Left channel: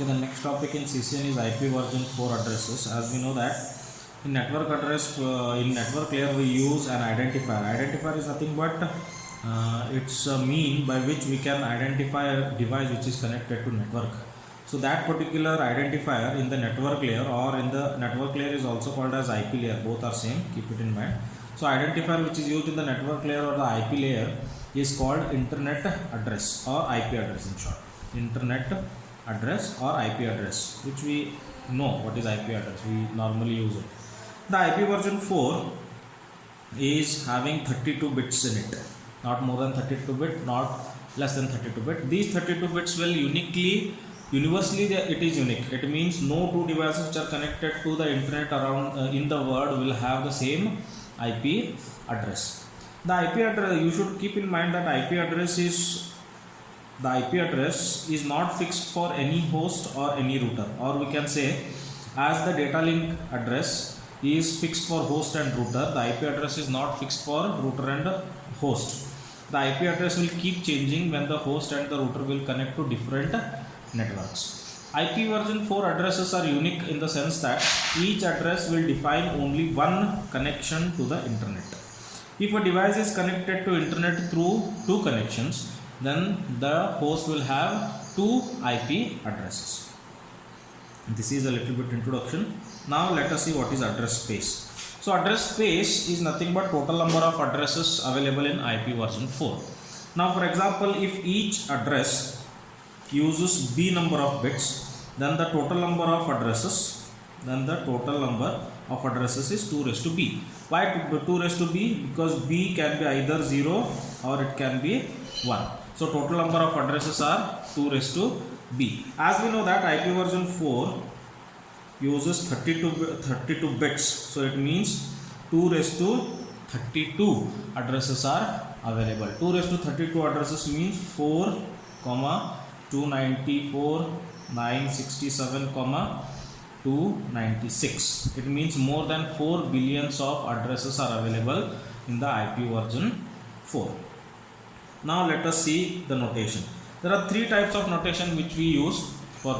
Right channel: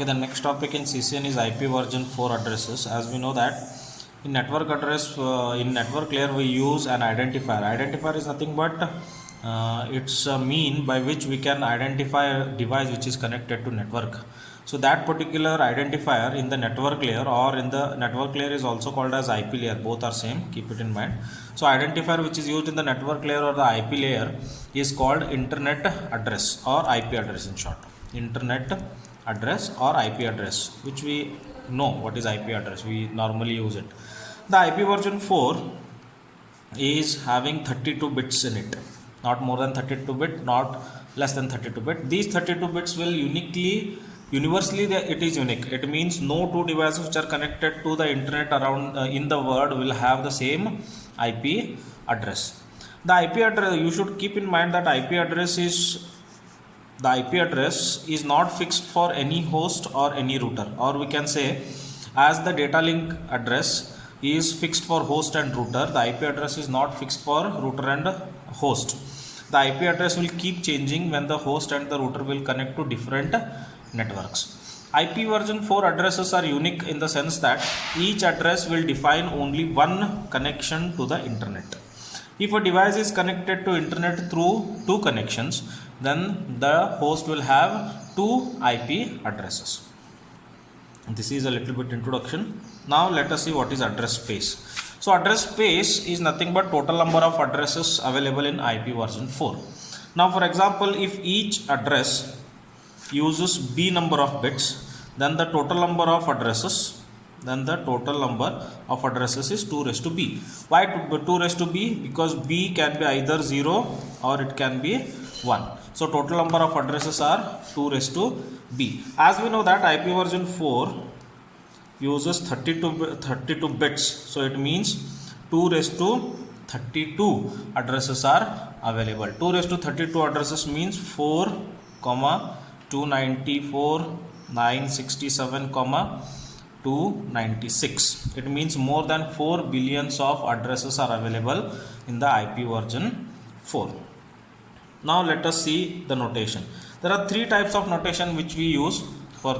Okay, the next topic in CCN is IP version 4 addresses. As we know that in in network layer we use an identifier. Identifier is nothing but it's a mean by which we can identify a device which is connected to network. So that particular identifier in the network layer or in the network layer is also called as IP layer. Both are same. Keep it in mind. So identifier which is used in the network layer or the IP layer is called internet address or IP address in short. Internet address or IP address, which we know what is IP address. We normally use it. The IP version 4 is having 32 bits in it, not more than 32 bit, not less than 32 bit. These 32 bits will universally it is unique. It means no two devices which are connected to the internet around in the world will have the same IP address. The IP address, you should keep in mind that IP address is not fixed for any host or any router, or we can say as the data link address is fixed for host and router, the IP address is not fixed for router and host. The IP address will keep changing when the host and the router will connect to different networks. IP version 4 addresses are unique in the sense that each address will define only one connection to the internet. If a device is connected to internet through two connections, then the host will have two IP addresses. This is a little bit introduction. Now let us see what is address space. So address space is nothing but total number of addresses available in IP version 4. Now for example, if each address uses B number of bits, then the total number of addresses is 2 raised to B. Why 2 raised to B? Because B can be either 0 or it can be 1. So total number of addresses are 2 raised to B. As we know that IP version 4 uses 32 bits. So it means 2 raised to 32 addresses are available. 2 raised to 32 addresses means 4, 294, 967, 296. It means more than 4 billions of addresses are available in the IP version 4. Now let us see the notation. There are three types of notation which we use for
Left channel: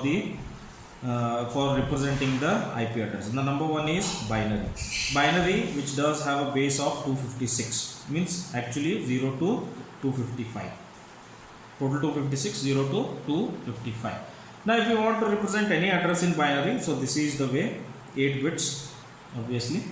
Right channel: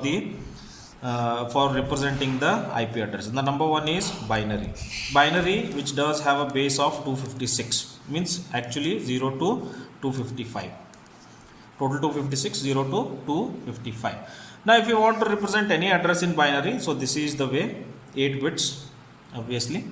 representing the IP address. The number one is binary. Binary, which does have a base of 256, means actually 0 to 255. Total 256, 0 to 255. Now if you want to represent any address in binary, so this is the way, 8 bits obviously.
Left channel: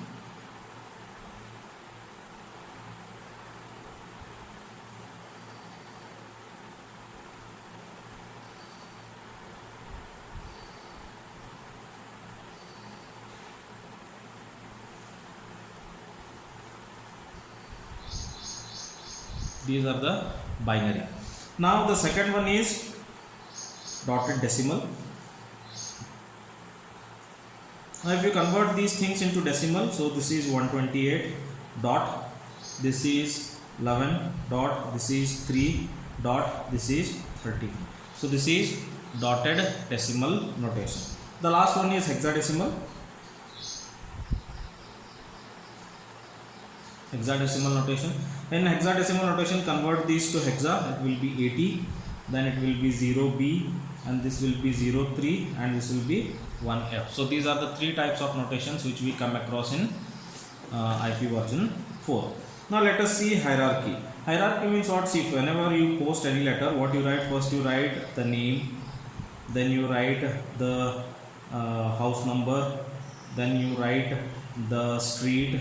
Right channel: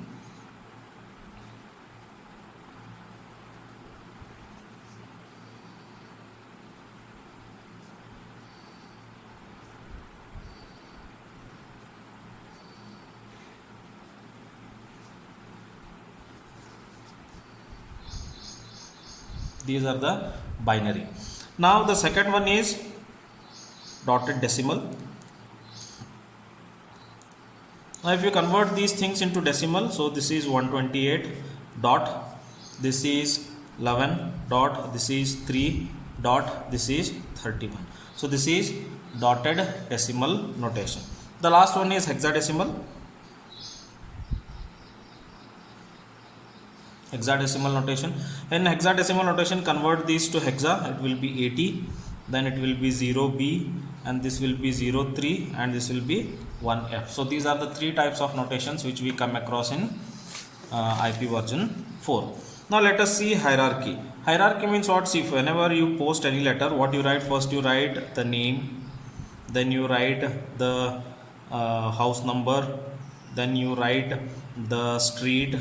These are the binary. Now the second one is dotted decimal. Now if you convert these things into decimal, so this is 128 dot, this is 11 dot, this is 3 dot, this is 31. So this is dotted decimal notation. The last one is hexadecimal. Hexadecimal notation. In hexadecimal notation, convert these to hexa. It will be 80, then it will be 0B, and this will be 03, and this will be 1F. So these are the three types of notations which we come across in IP version 4. Now let us see hierarchy. Hierarchy means what? See, whenever you post any letter, what you write? First you write the name, then you write the house number, then you write the street,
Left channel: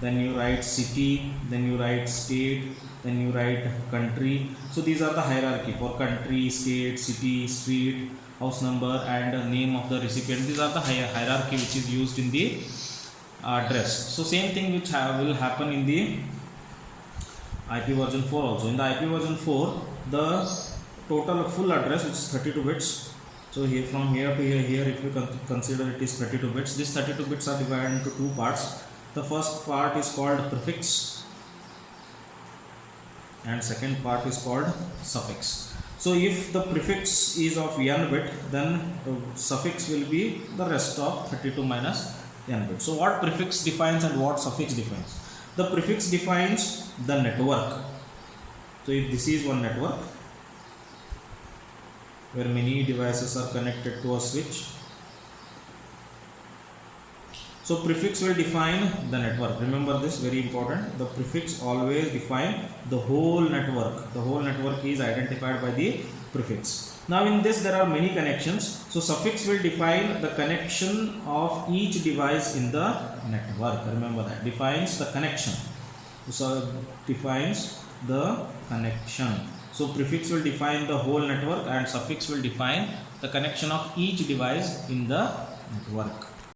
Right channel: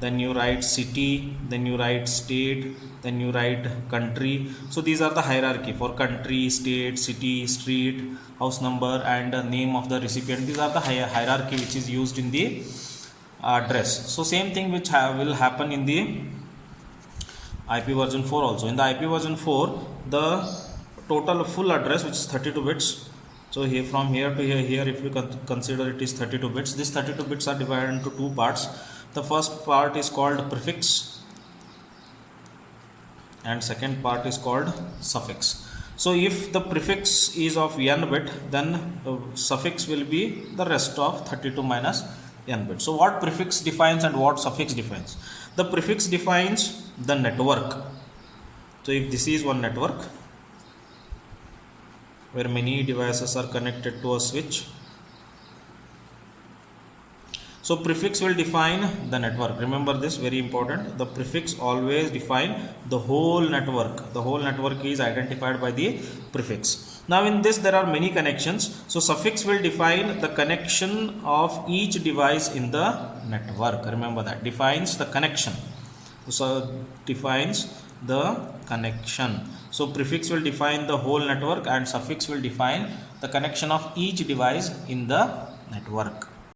then you write city, then you write state, then you write country. So these are the hierarchy for country, state, city, street, house number, and name of the recipient. These are the hierarchy which is used in the address. So same thing which will happen in the IP version 4 also. In the IP version 4, the total full address, which is 32 bits. So here from here to here, if you consider it is 32 bits, these 32 bits are divided into two parts. The first part is called prefix and second part is called suffix. So if the prefix is of n bit, then the suffix will be the rest of 32 minus n bit. So what prefix defines and what suffix defines? The prefix defines the network. So if this is one network, where many devices are connected to a switch. So prefix will define the network. Remember this, very important. The prefix always define the whole network. The whole network is identified by the prefix. Now in this there are many connections. So suffix will define the connection of each device in the network. Remember that. Defines the connection. So defines the connection. So prefix will define the whole network and suffix will define the connection of each device in the network.